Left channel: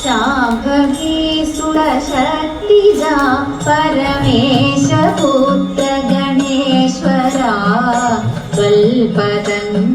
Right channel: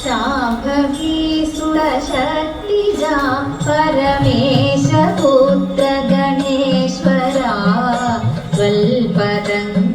शाखकी सुरशक्तिजा परमेशपुत्रगणेश्वरा कल्पदम्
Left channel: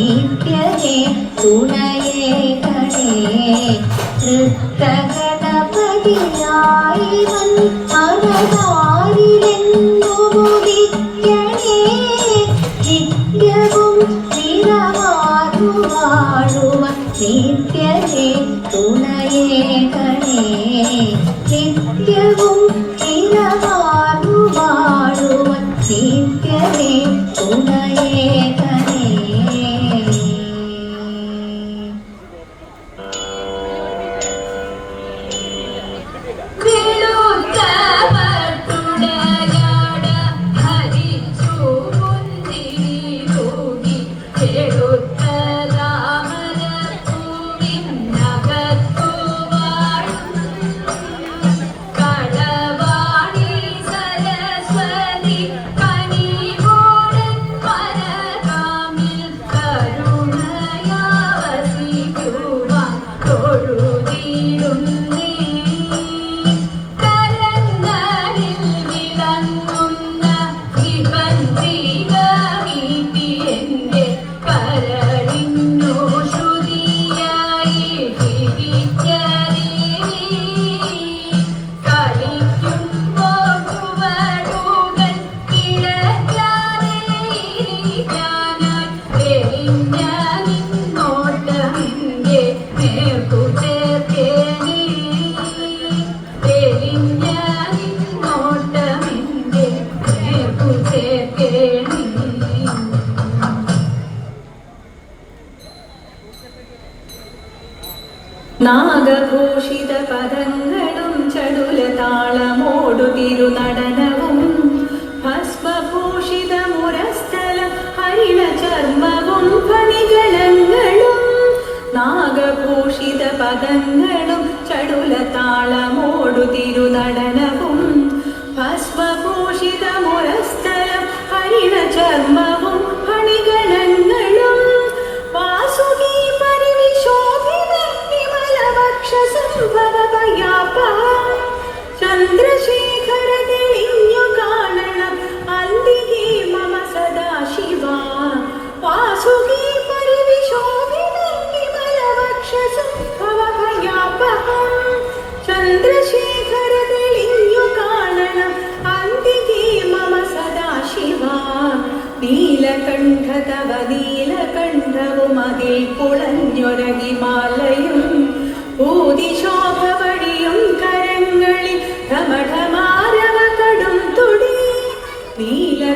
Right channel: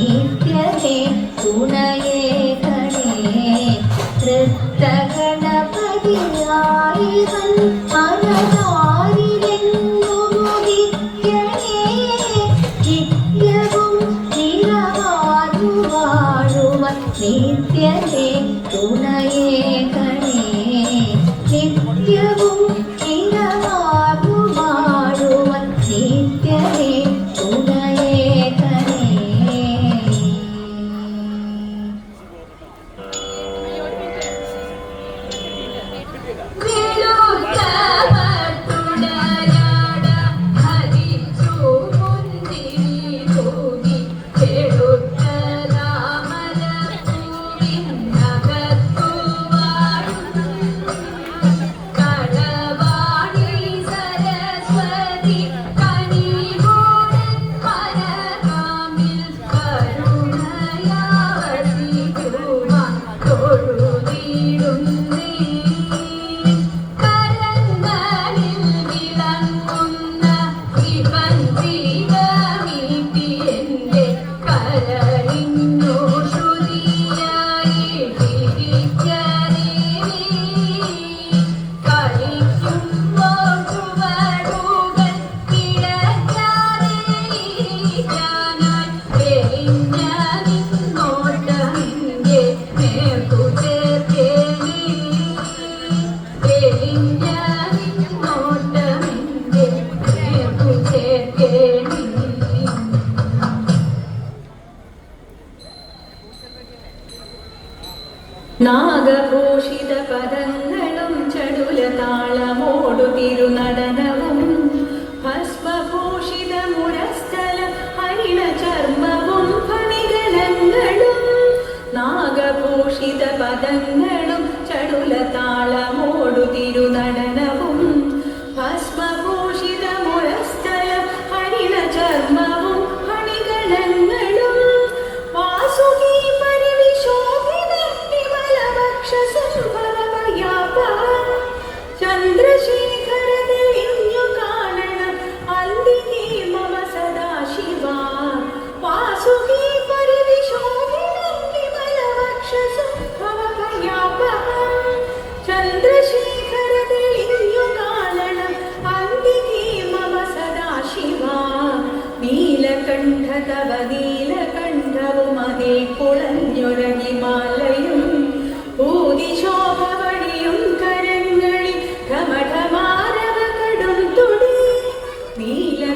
நித்தியே துணையே கணே கிருத்தகே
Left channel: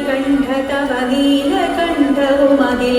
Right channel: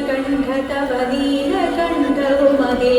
कण्ठतीन कण्ठ मध्ये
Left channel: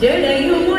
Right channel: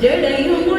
जय जय हिंद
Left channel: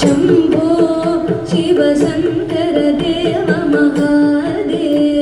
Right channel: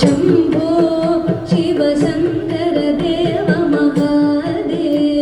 शम्भो शिवसङ्करदेव मम